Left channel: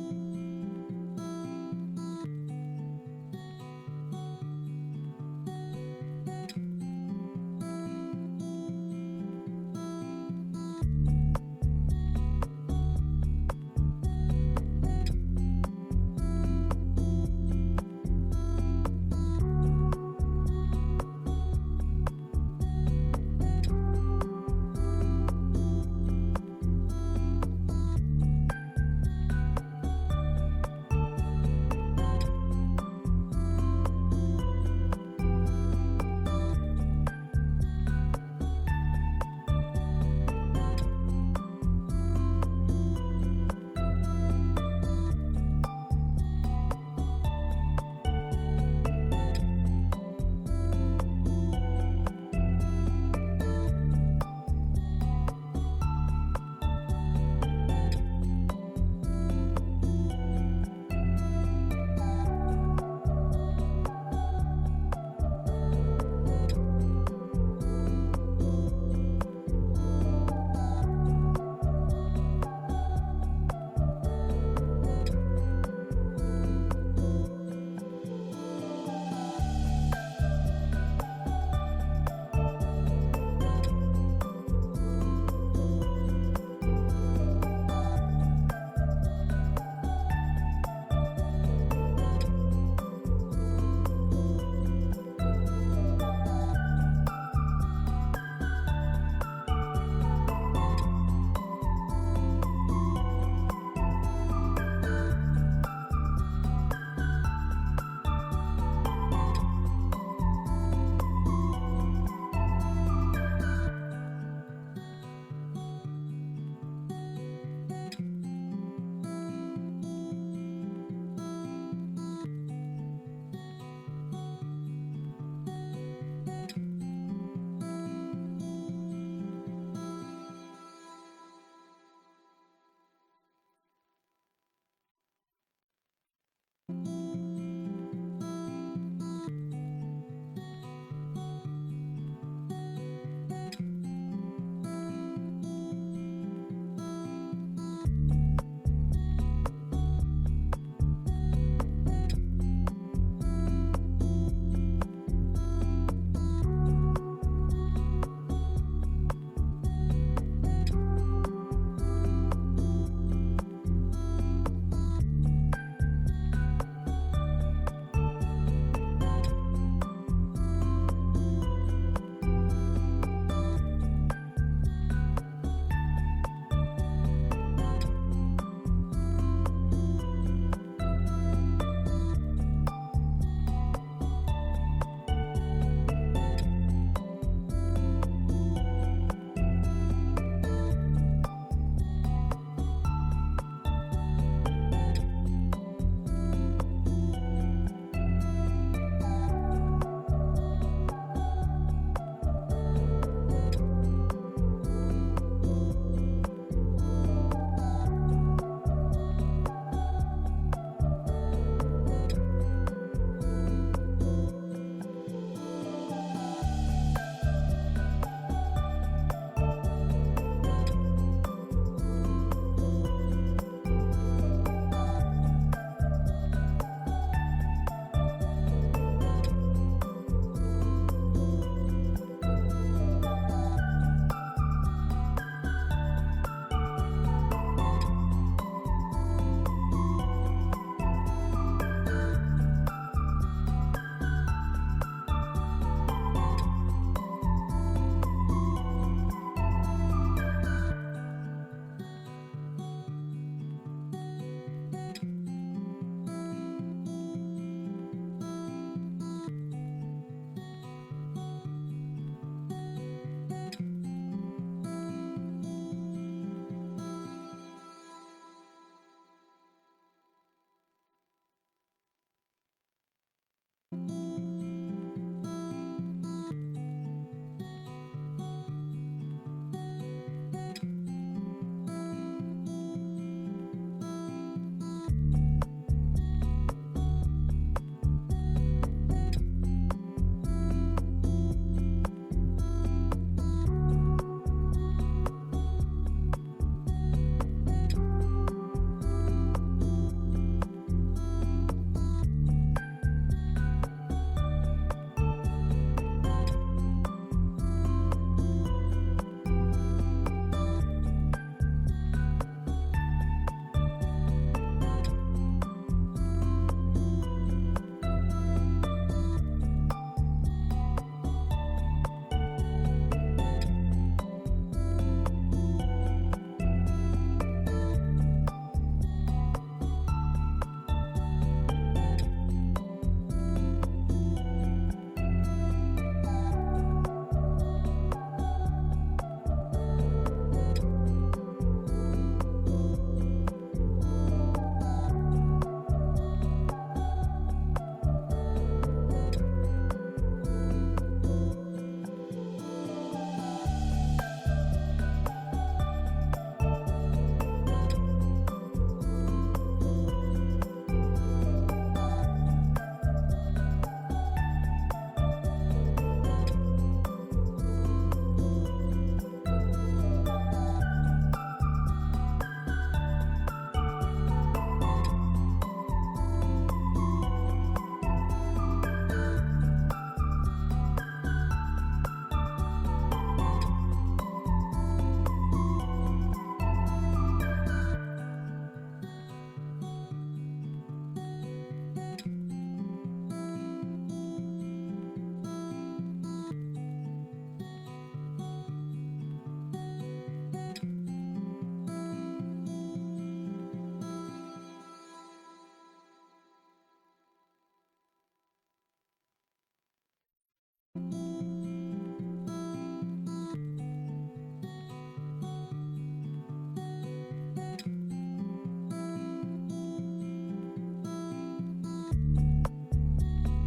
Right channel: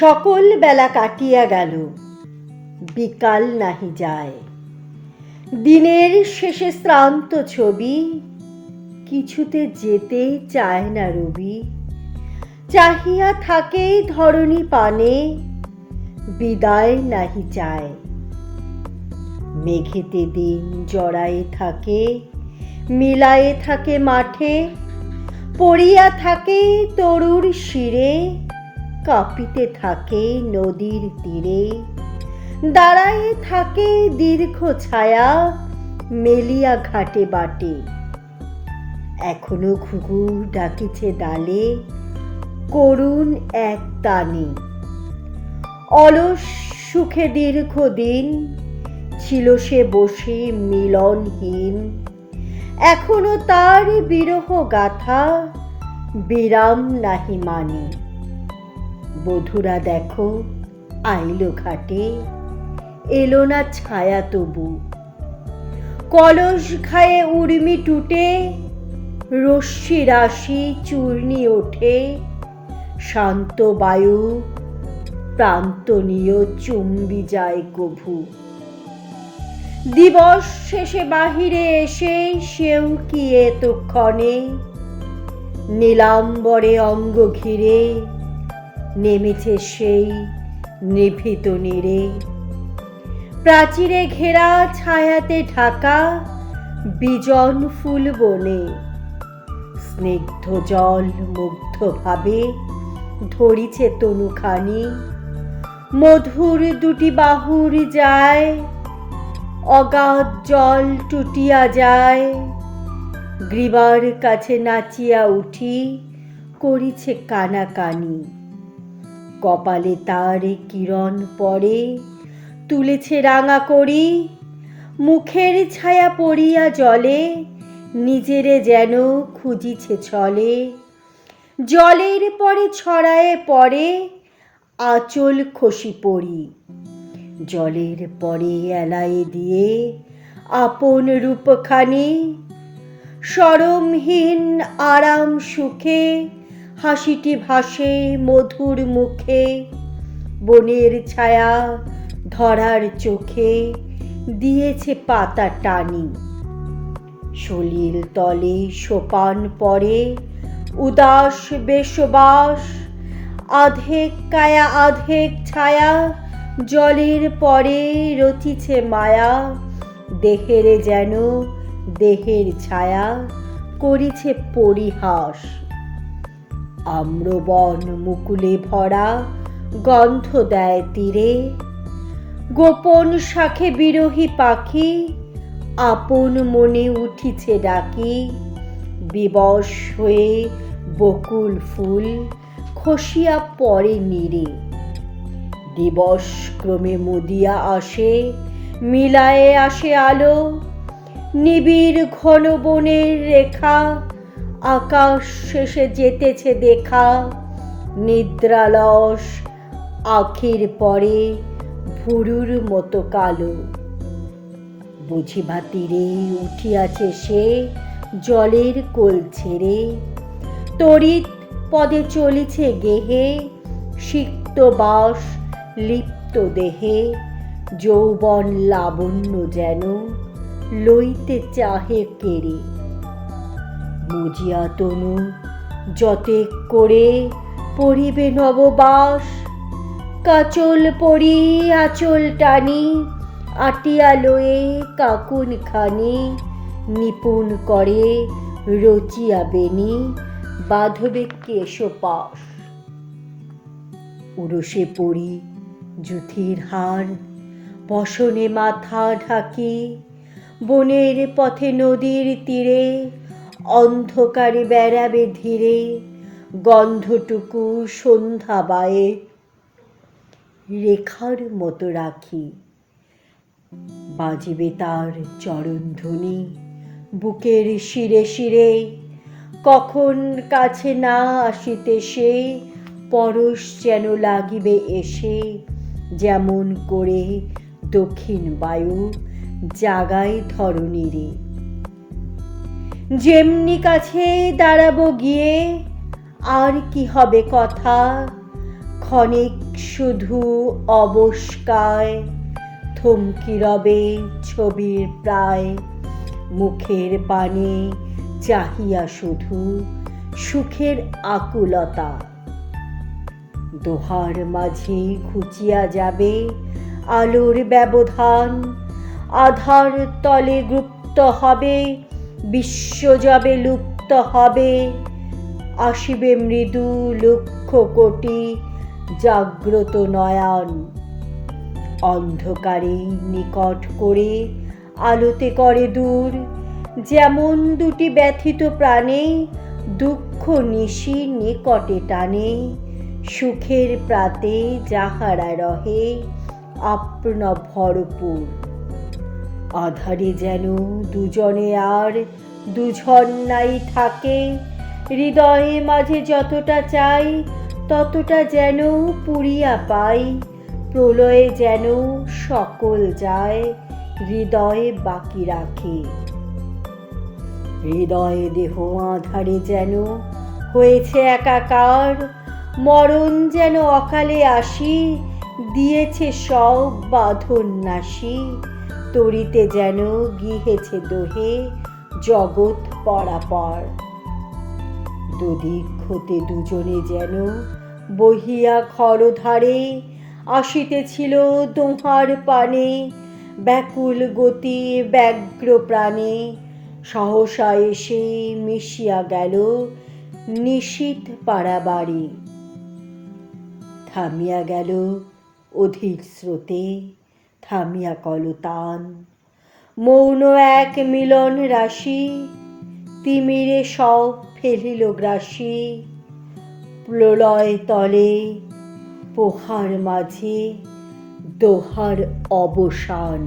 সকল বেলা কাটিয়া গেল, বিকাল নাহি যায়। দিনের শেষে শ্রান্ত ছবি, কিছুতে যেতে চায় না রবি। চাহিয়া থাকে ধরণী পানে, বিদায় নাহি চায়। মেঘেতে দিন জড়ায়ে থাকে, মিলায়ে থাকে মাঠে। পড়িয়া থাকে তরুর শিরে, কাঁপিতে থাকে নদীর তীরে। দাঁড়ায়ে থাকে দীর্ঘ ছায়া, মেলিয়া ঘাটে বাটে। এখনো ঘুঘু ডাকিছে ডালে, করুণ এক তানে। অলস সুখে দীর্ঘদিন ছিল সে বসে মিলনহীন। এখনো তার বিরহ গাথা, বিরাম নাহি মানে। বধুরা দেখো আইলো ঘাটে, এলো না ছায়া তবু। কলস খায়ে উর্মি টুটে, রশ্মি রাশি চূর্ণি ওঠে। শান্ত বায়ু প্রান্তনীয় চুম্বি যায় কভু। দিবস শেষে বাহিরে এসে সেও কি এতক্ষণে। নীলাম্বরে অঙ্গ ঘিরে নেমেছে সেই নিভৃত নীরে। প্রাচীরে ঘেরা ছায়াতে ঢাকা বিজন ফুল বনে। স্নিগ্ধ জল মুগ্ধ ভাবে ধরিছে তনুখানি। মধুর দুটি বাহুর যায়, অগাধ জল টুটিয়া যায়। গ্রীবার কাছে নাচিয়া উঠি, করিছে কানাকানি। কপালে তার কিরণ পড়ে, তুলেছে রাঙা করি। মুখের ছায়া পড়িয়া জলে, নিজেরে যেন খুঁজিছে ছলে। জলের পরে ছড়ায়ে পড়ে, আঁচল খসি পড়ি। জলের পরে এলায়ে দিয়ে আপন রূপখানি। শরমহীন আরাম সুখে হাসিটি ভাসে মধুর মুখে। বনের ছায়া ধরার চোখে দিয়েছে পাতা টানি। সলিল তলে সোপান পরে উদাস বেশবাস। আধেক কায়া আধেক ছায়া, জলের পরে রচিছে মায়া। দেহের যেন দেহের ছায়া, করিছে পরিহাস। আম্রবন মুকুলে ভরা, গন্ধ দেয় তীরে। গোপন শাখে বিরহী পাখি, আপন মনে উঠিছে ডাকি। বিবশ হয়ে বকুল ফুল খসিয়া পড়ে নীরে। দিবস ক্রমে মুদিয়া আসে, মিলায়ে আসে আলো। নিবিড় ঘন বনের রেখা, আকাশ শেষে যেতেছে দেখা। নিদ্রালস আখির পরে ভুরুর মতো কালো। বুঝিবা তীরে উঠিয়াছে সে, জলের কোল ছেড়ে। তড়িৎ পদে চলিছে গেহে, সিক্ত বাস লিপ্ত দেহে। যৌবন লাবণ্য যেন লইতে চাহে কেড়ে। বুঝিয়া তনু যতেক করে পড়িবে নববাস। কাচল পরি আঁচল টানি, আটিয়া লয়ে কাকুন খানি। নিপুণ করে রচিয়া বেনি, বাঁধবে কেশপাশ। উরসে পড়ি যুথির হার, বসনে মাথা ঢাকি। বনের পথে নদীর তীরে, অন্ধকারে বেড়াবে ধীরে। গন্ধটুকু সন্ধ্যা বায়ে রেখার মতো রাখি। বাজিবে তার চরণধ্বনি বুকের শিরে শিরে। কখন কাছে না আসিতে সে, পরশ যেন লাগিবে এসে। যেমন করে দক্ষিণ বায়ু জাগায় ধরণীরে। যেমনি কাছে দাঁড়াবো গিয়ে, আর কি হবে কথা। ক্ষণিক শুধু অবস্কায় থমকি রবে ছবির প্রায় মুখের পানে চাহিয়া শুধু সুখের আকুলতা। দোহার মাঝে ঘুচিয়া যাবে আলোর ব্যবধান, আধার তলে গুপ্ত হবে বিশ্ব যাবে লুপ্ত হবে। আসিবে মৃদু লক্ষ কোটি জাগ্রত নয়ন, অন্ধকারে নিকট করে আলোতে করে দূর। যেমন দুটি ব্যথিত প্রাণে দুঃখ নিশি নিকটে টানে, সুখের প্রাতে যাহারা রহে আপন ভরপুর। আধারে যেন দুজনে আর দুজন নাই থাকে, হৃদয়ে মাঝে যতটা চাই ততটা যেন পুরিয়া পাই। প্রলয়ে যেন সকল যায় হৃদয়ে বাকি রাখে। হৃদয়ে দেহ আধারে যেন হয়েছে একাকার, মরণ যেন অকালে আসি দিয়েছে সব বাঁধন নাশি। তরিতে যেন গিহেছে দোহে জগৎ পরাপর। দুদিক হতে দুজনে যেন বহিয়া ঘর ধারে আসিতেছিল দোহার পানে, ব্যাকুল গতি ব্যগ্র প্রাণে। সহসা এসে মিশিয়া গেল নিশীথ পাড়াবাড়ি, থামিয়া গেল অধীর স্রোতে, থামিয়া কলতান। মৌন এক মিলন রাশি তিমিরে সব ফেলিল গ্রাসি। প্রলয় তলে পোহার মাঝে দোহার অবসান।